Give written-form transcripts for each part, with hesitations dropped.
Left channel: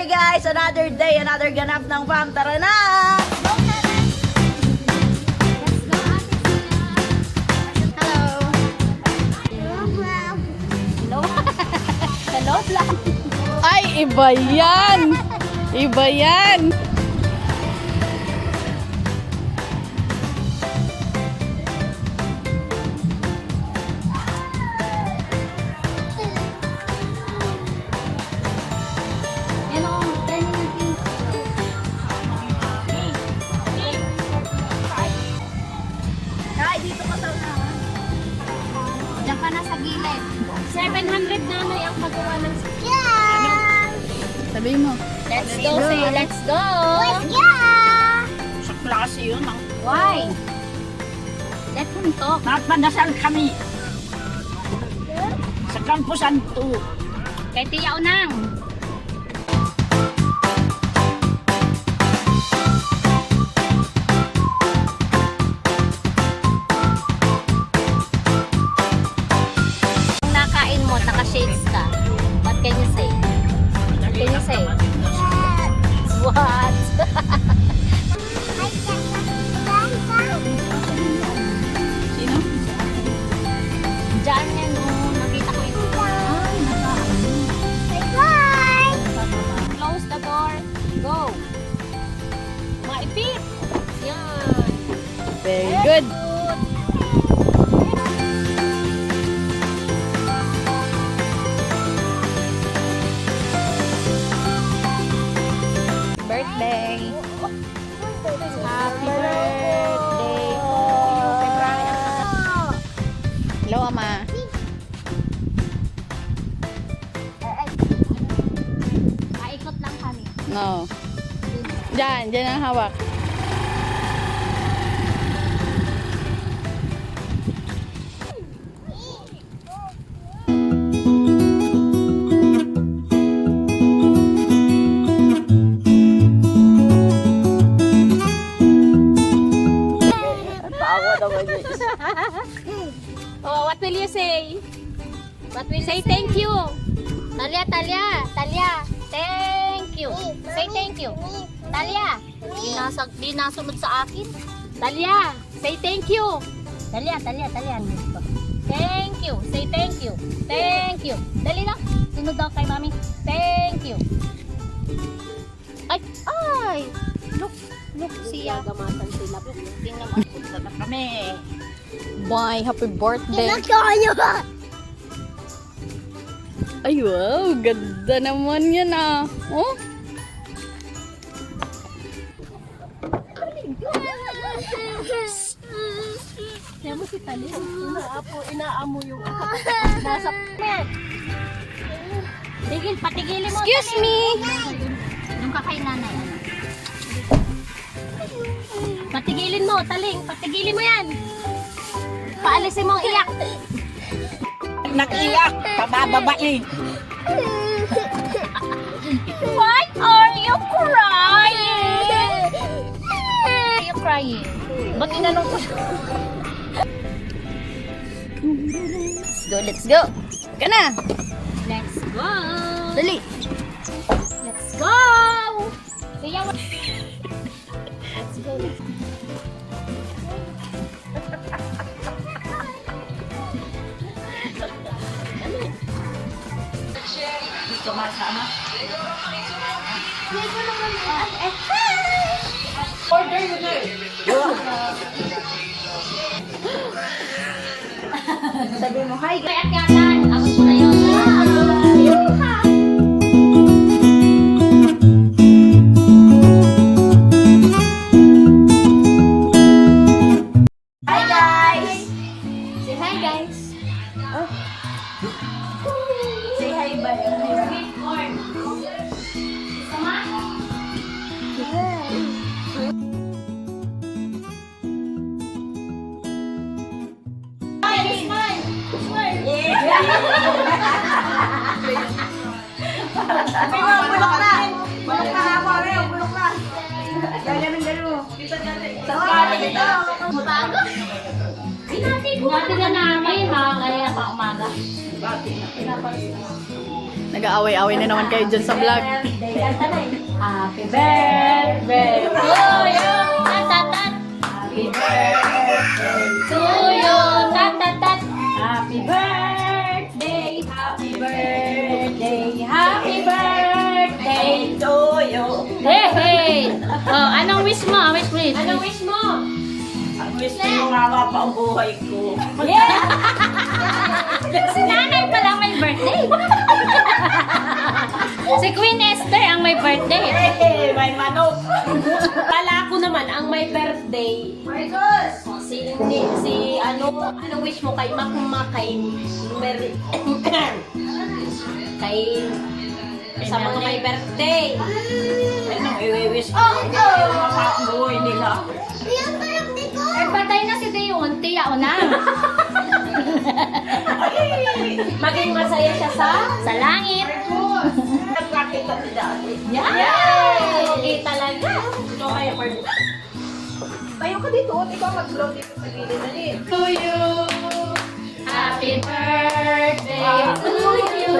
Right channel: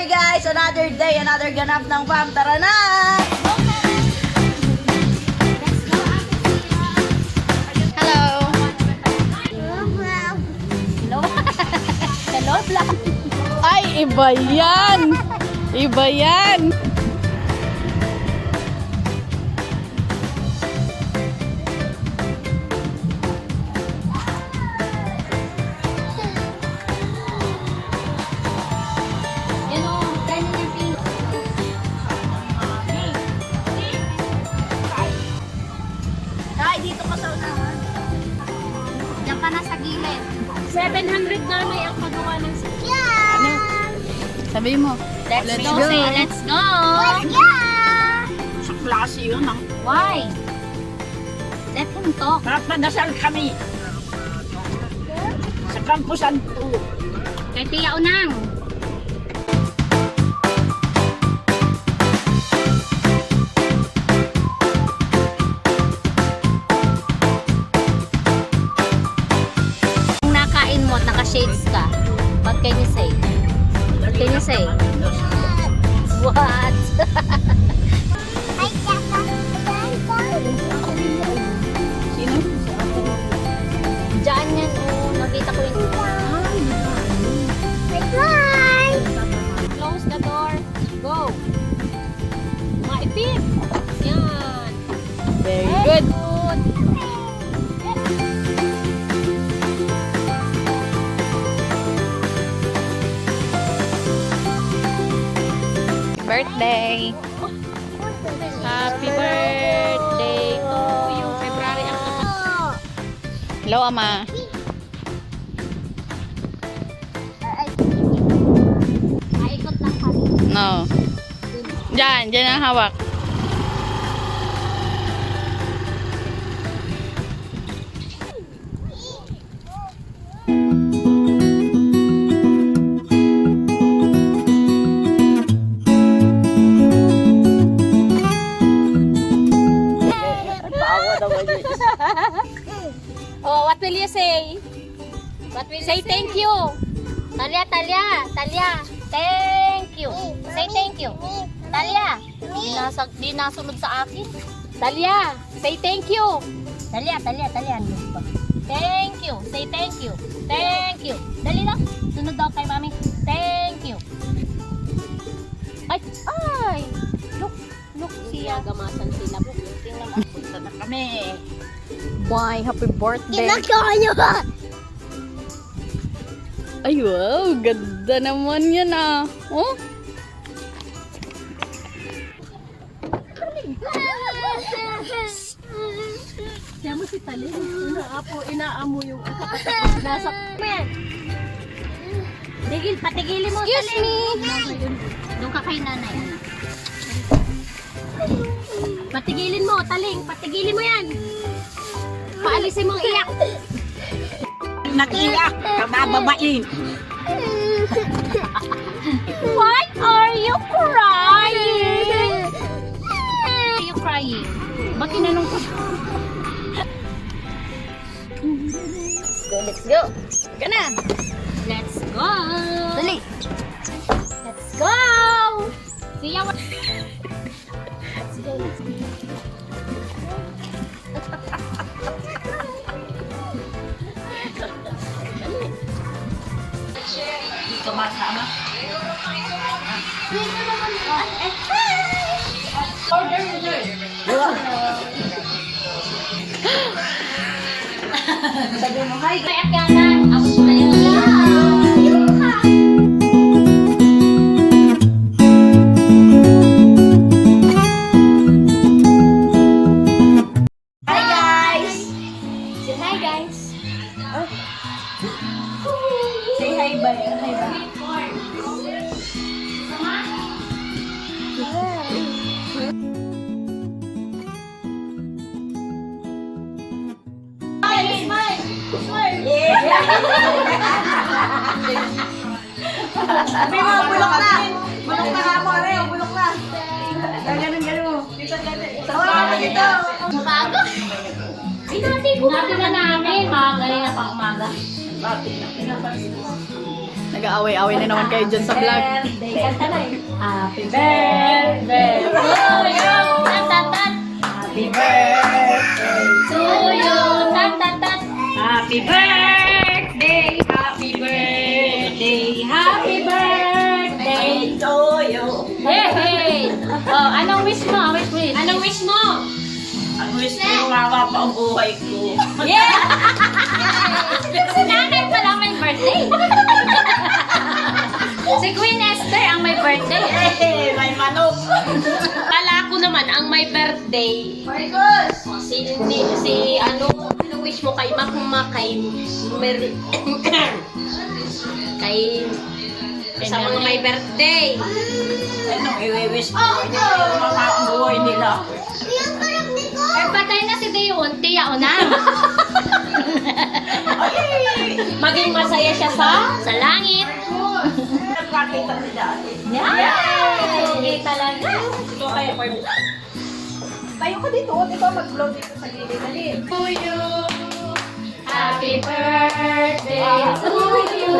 Okay guys, another day, another ganap ng farm. Tara na! Hello! Hello? Hello vlog! Ay, iba yan! Iba yan! Diyan ka na sa gilid. 700 na may ang magawa ng sakyan. Sabi mo. Let's go, say let's go. Let's go. Sa klase yun. Why? Let's talk. Napadasal kami. Sa kampusan 2. Kay Tia Unang. Kung nakain mo at naka-shades ka, what can you say? What can you say? What? Sino? Diyan yan, oh. Nakita ko yung... Close the door. Go. Maitim. Yan. Very good. Birthday. Happy birthday to you. Hello, Ama. Maikot lang kami. No. Diyan ang hawak. Oh, what will you say? What will say? Thank you. Talia. Thank you. Say thank you. Talia. Di nasunod sa akin. Talia, say thank you. Talia. Thank you. Say thank you. Thank you. Dali lang. Sunod daw kay mami. Thank you. Ay. Look siya. Gamasan sila. Tingnan mo. Punta na kami. Bye, happy birthday. Kinakain ba? Ay, wow, ganda naman yan ah. Oh? Kaya mo si Talin, inaamo yung nasa patigilin mo. Excuse me. Doon ka kay nanay. Patigilin mo, Taling. Patigilin mo yan. Paalisin mong iyak. Nakiyak. Kabababaing. Why are you crying? Why are you crying? Ba't inanong ko? Let's go. Ka na. Let's go. Dali. Let's go. Siya. Let's go. Sumasama. Sabi mo, hi. Kaya kanan. Abot na yun. Hi guys. Say hi, guys. Say hi, bye. Hi, bye. Bulok na nga, pare. Bulok na. Galing mo. Dito. Hinati na namin. Mga kanina pa umaga. Nag-aaway-away na naman kayo dyan sa vlog. Birthday. Kanta na eh. Happy birthday to you. Tat, tat, tat. Happy birthday to you. Tat, tat, tat. Happy birthday. Happy birthday. Happy birthday to you. Hey, hey. Oh, anong wish mo? Anong wish mo? Ang wish ko yung mama pa ang buhay ko. Yeah! Si nanay pala may birthday. Si Queen Esther ang may birthday. Hey, may manok. Pala ako naman ang may birthday. Anong wish mo kay Makma, kay sa mga may birthday. Anong i-wish ko? Hindi yung mama ang buhay nila. Ay, patay na si Dion, tiya o na. Maging masaya siya sa langit. Nagpakita si dati. Yay! Okay talaga. Ito kaya pa. Tayo ka dito. Ikaw mag-blow dito sa gilid. Dali. To you. Happy birthday to you.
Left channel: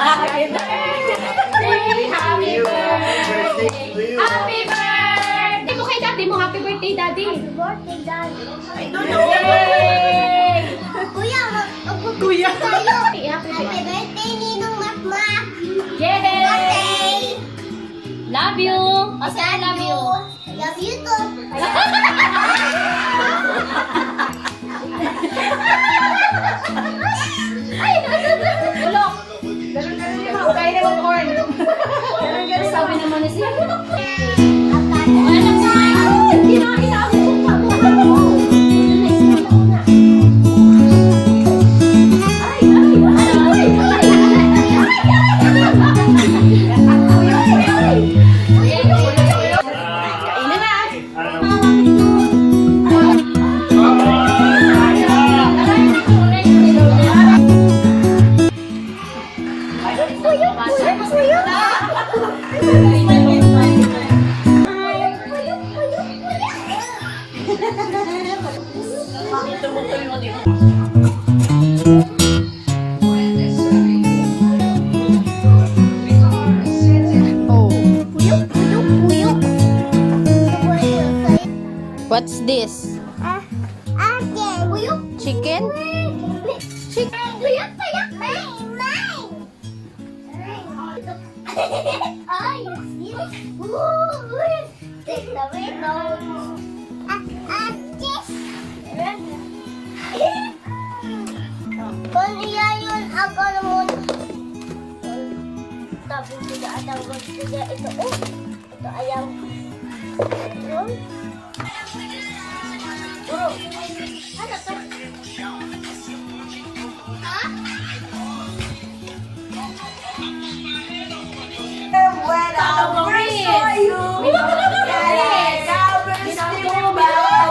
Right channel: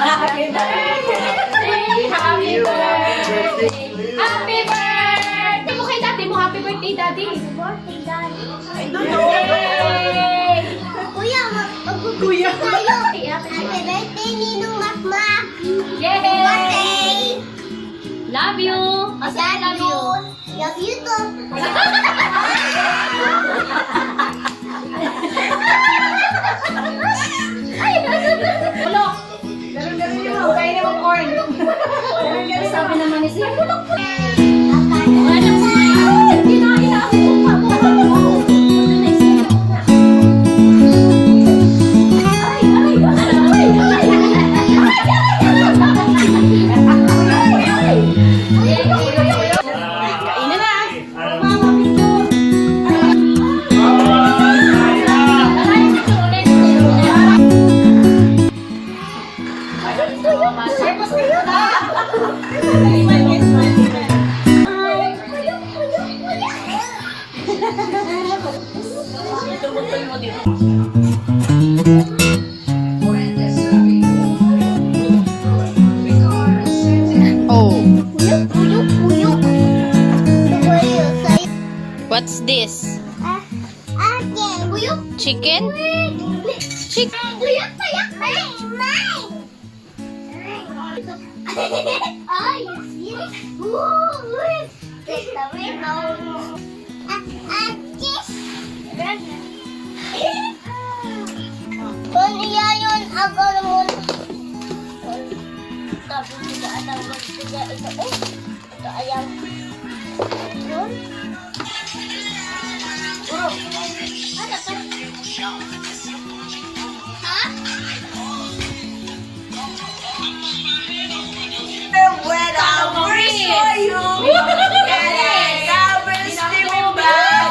Happy birthday. Happy birthday. Happy birthday mo kay daddy mo. Happy birthday, daddy. Happy birthday, Daddy. Yay! Kuya, Kuya. tayo. Happy birthday, Ninong Makma. Yay! Birthday. Love you. Asa love you. Love you too. Bulok. Ganun yun. Kain naman corn. Ganun. Sabi naman ni siya, bulok po. Kainan na. Tumutoy mo dito. Oh. Puyok, puyok, puyok. What's this? Again. Puyok. Chicken? Chicken. Puyok, puyok. Mine. Ay, you see it? Ooh, take the window. Kiss. Kung iya yun, ako naman. Tapos kita atang magsiga ito. Ito ayaw. Yun. Oh. Ano to? Ha? When I wish for you. Yeah, I wish you back.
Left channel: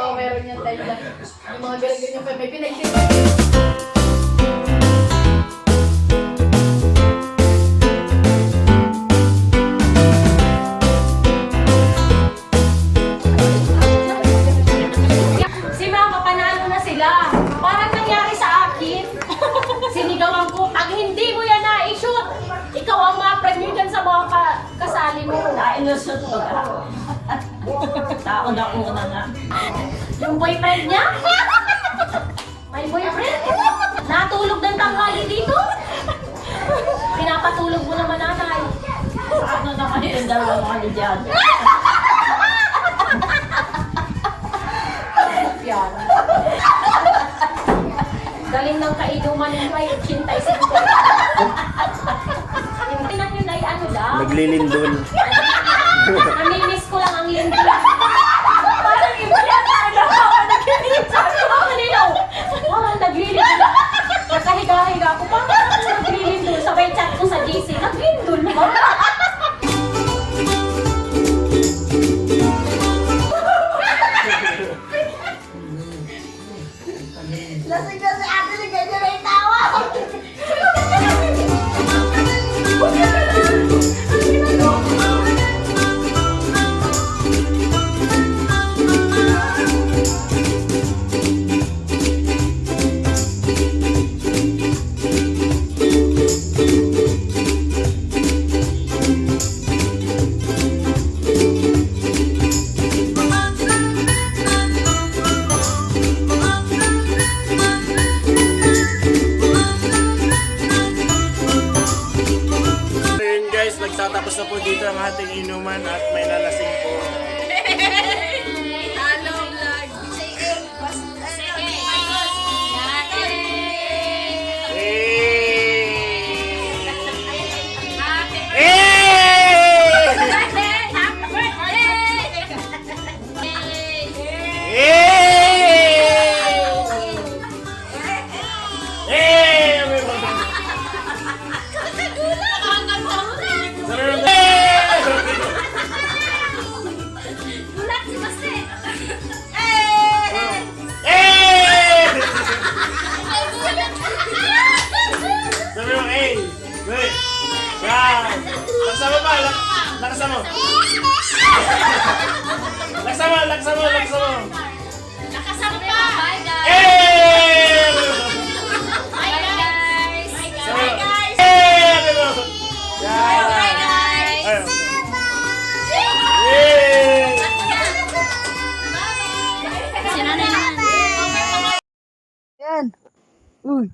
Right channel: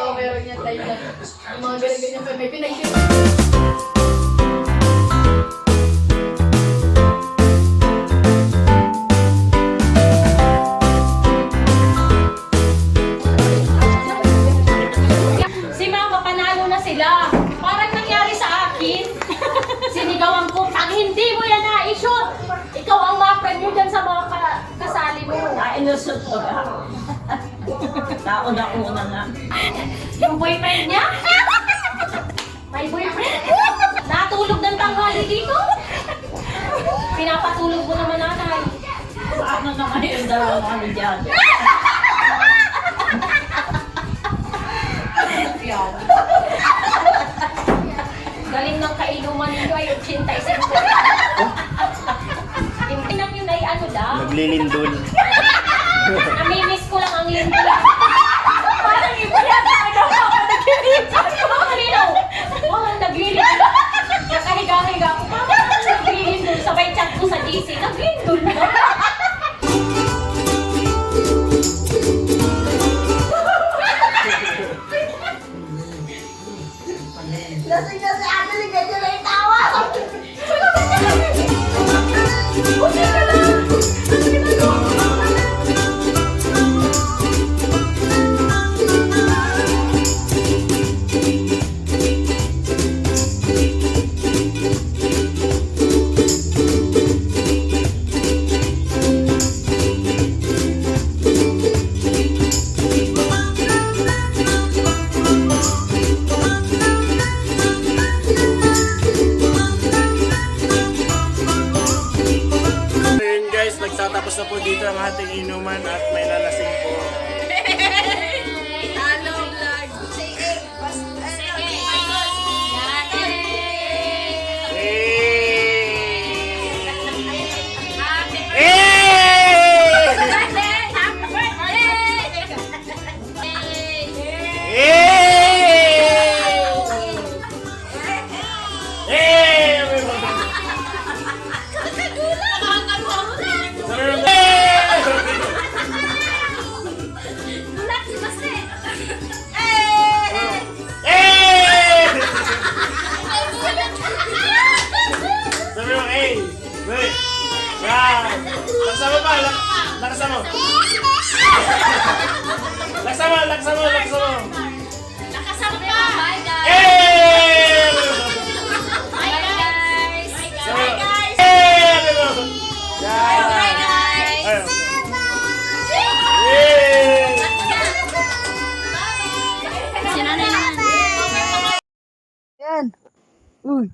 Oo, meron yan tayo lang. Yung mga ganyan-ganyan pa. May pinagsin. Si Mama, panalo na sila. Parang nangyari sa akin. Sinigawan ko, pag hindi mo yan na-shoot, ikaw ang ma-premyo dyan sa mga kasali mo. Nailusot ko ka. Nauna-una nga. Yung boyfriend niya? May boyfriend? Natulog ng tanghali dito? Pinapatulog mo naman nanay. Paano naman yung dalawang ano dyan? Yan. Galing ng kainuman ninyo ay 85. Hindi lang yun ay ano lang. Naglilindol. Namimiss ko lang ang lindol. Parang iba yan. Ano? Sabi ko mga kalinaw. Parang naglilindol. Nakahiga-higa ako. Parang naglilindol. Sabay chat ko sa GC. Naglilindol na. Lasing na si ate ni ganyan na yung tawa. So yun guys, nagtatapos na po dito ang ating inuman at may lalasing po. Sabi mo, hey! Wait! Yan! Laksa mo pa! Laksa mo! Laksa mo! Laksa mo! Laksa mo! Nakasama pa! Bye guys! Hey! Bye guys! Sabi mo, hey! Sabi mo! Yan! Bye guys! Ayun. Yay! Si nanay naman. Yan. Uy.